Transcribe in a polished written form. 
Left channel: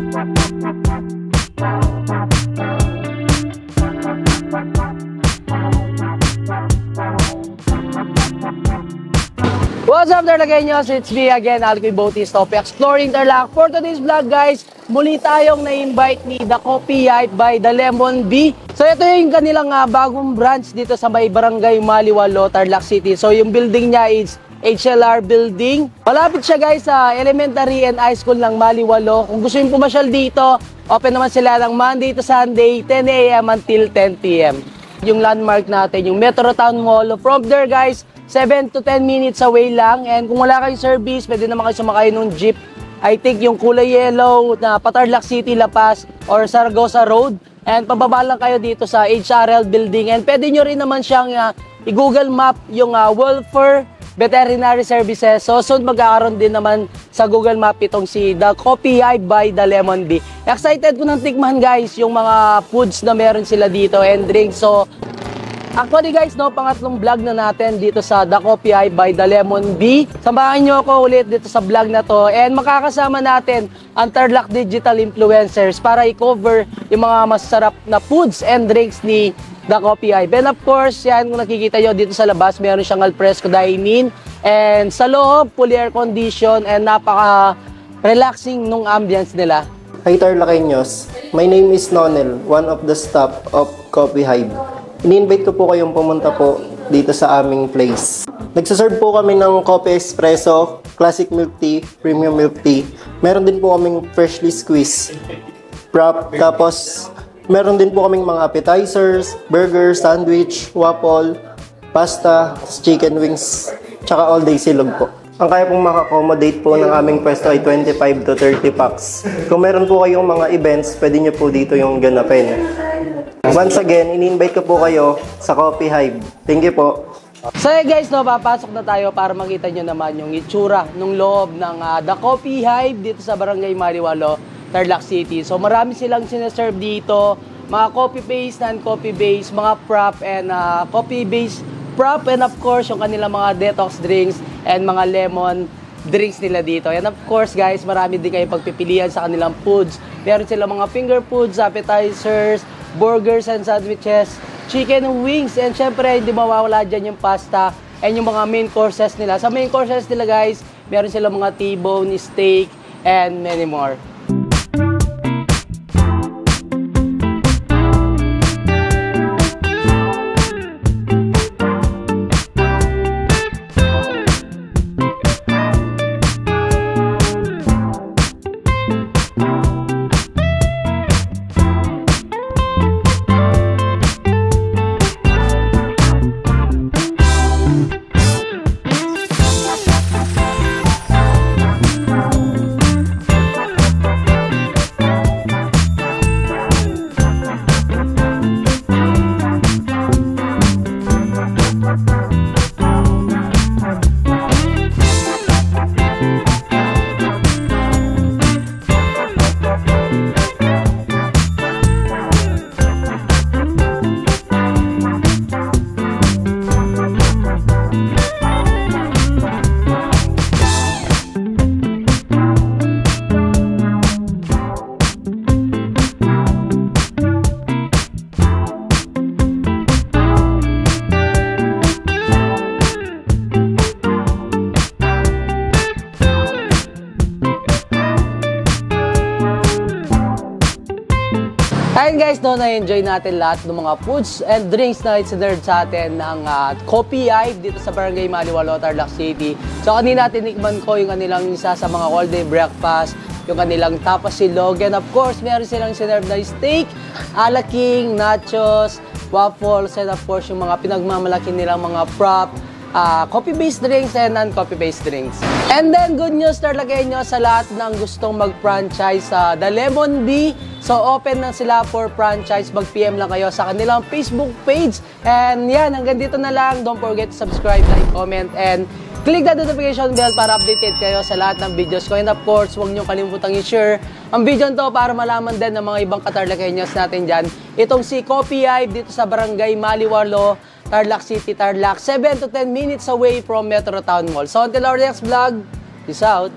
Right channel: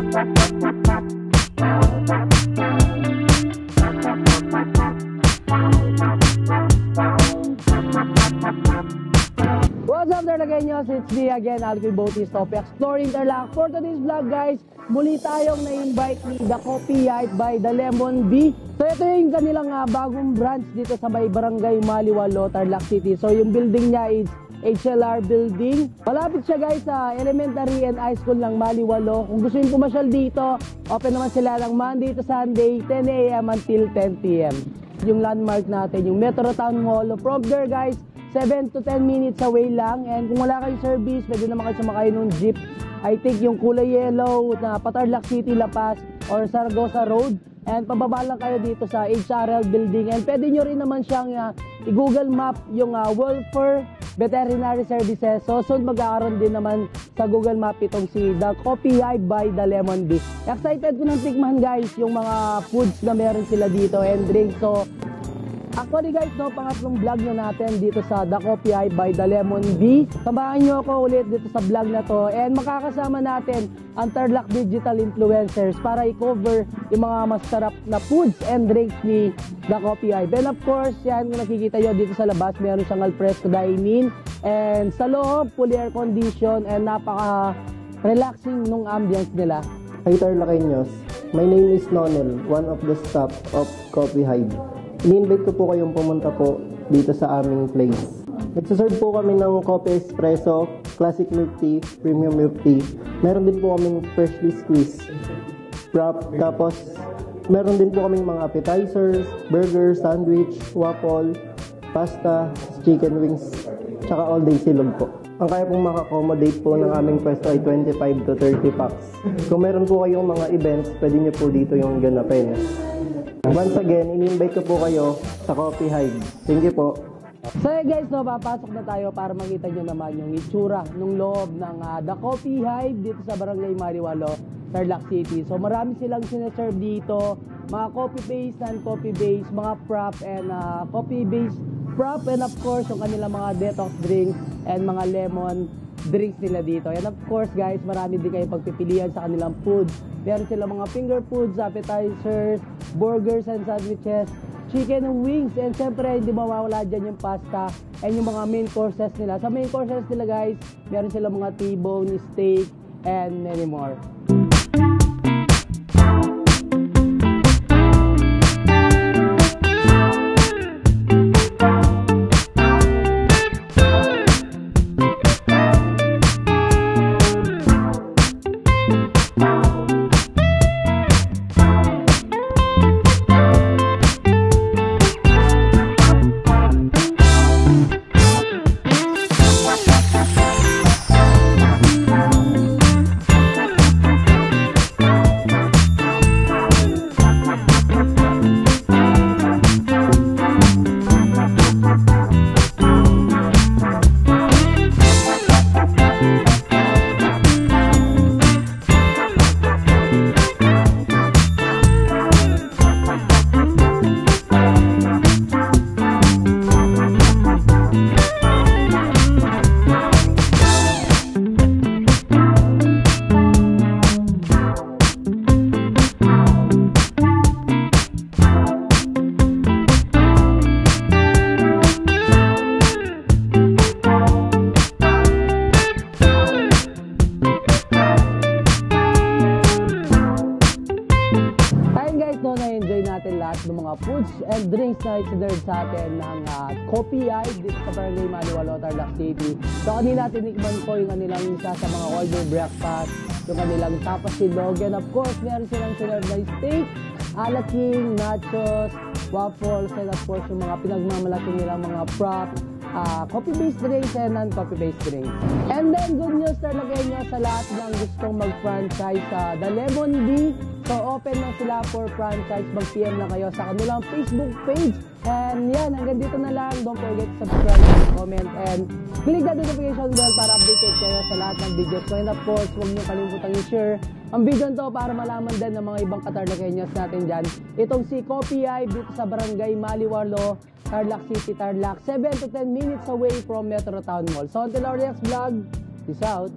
What's up Tarlakeños? It's me again, Alcoy Bautista of Exploring Tarlac. For today's vlog guys, muli tayong na-invite ni The Coffee Hype by The Lemon Bee. So ito yung kanilang bagong branch dito sa may Barangay Maliwalo, Tarlac City. So yung building niya is HLR building. Malapit siya guys sa elementary and high school ng Maliwalo. Kung gusto yung pumasyal dito, open naman sila ng Monday to Sunday, 10 a.m. until 10 p.m. Yung landmark natin, yung Metro Town Mall. From there guys, 7 to 10 minutes away lang. And kung wala kayong service, pwede naman kayo sumakay ng jeep. I think yung kulay yellow na Tarlac City, La Paz or Saragossa Road. And pababa lang kayo dito sa HRL building. And pwede nyo rin naman siyang i-Google Map yung Welfare Veterinary Services. So soon magkakaroon din naman sa Google Map itong si The Coffee Hype by The Lemon Bee. Excited ko nang tikman guys yung mga foods na meron sila dito and drinks. So actually guys, pangatlong vlog na natin dito sa The Coffee Hype by The Lemon Bee. Samahan nyo ako ulit dito sa vlog na to and makakasama natin ang Tarlac Digital Influencers para i-cover yung mga masarap na foods and drinks ni The Coffee Hype. And of course, yan kung nakikita nyo dito sa labas, meron siyang alfresco dining and sa loob, fully air condition and napaka-relaxing nung ambience nila. Hi Tarlakeños, my name is Nonel, one of the staff of Coffee Hype. Ini-invite ko po kayong pumunta po dito sa aming place. Nagsaserve po kami ng coffee espresso, classic milk tea, premium milk tea. Meron din po kaming freshly squeezed wrap. Tapos meron din po kaming mga appetizers, burger, sandwich, waffle, pasta, chicken wings, tsaka all day silog po. Ang kaya pong maka-accommodate po ng aming pwesto ay 25 to 30 packs. Kung meron po kayong mga events, pwede nyo po dito yung ganapin. Once again, ini-invite ko po kayo sa Coffee Hype. Thank you po. So guys, papasok na tayo para makita nyo naman yung itsura ng loob ng The Coffee Hype dito sa Barangay Maliwalo, Tarlac City. So marami silang sineserve dito, mga coffee-based, non-coffee-based, mga prop and coffee-based prop and of course yung kanilang mga detox drinks and mga lemon drinks nila dito. And of course guys, marami din kayo pagpipilian sa kanilang foods. Meron silang mga finger foods, appetizers, burgers and sandwiches, chicken wings, and syempre hindi mawawala dyan yung pasta and yung mga main courses nila. Sa main courses nila guys, meron silang mga T-bone, steak, and many more. Guys, na-enjoy natin lahat ng mga foods and drinks na isinerve sa atin ng Coffee Hype dito sa Barangay Maliwalo, Tarlac City. So kanina tinikman ko yung kanilang isa sa mga all-day breakfast, yung kanilang tapas silog, and of course meron silang isinerve na steak, alaking, nachos, waffles, and of course yung mga pinagmamalaki nilang mga prop, coffee-based drinks and non-coffee-based drinks. And then, good news Tarlakeños sa lahat ng gustong mag-franchise sa The Lemon Bee. So, open na sila for franchise. Mag-PM lang kayo sa kanilang Facebook page. And yan, hanggang dito na lang. Don't forget to subscribe and comment and click the notification bell para updated kayo sa lahat ng videos ko. And of course, huwag nyo kalimutang i-share ang video nito para malaman din ng mga ibang ka-Tarlakeños natin dyan. Itong si Coffee Hype dito sa Barangay Maliwalo, Tarlac City, Tarlac. 7 to 10 minutes away from Metro Town Mall. So until our next vlog, peace out!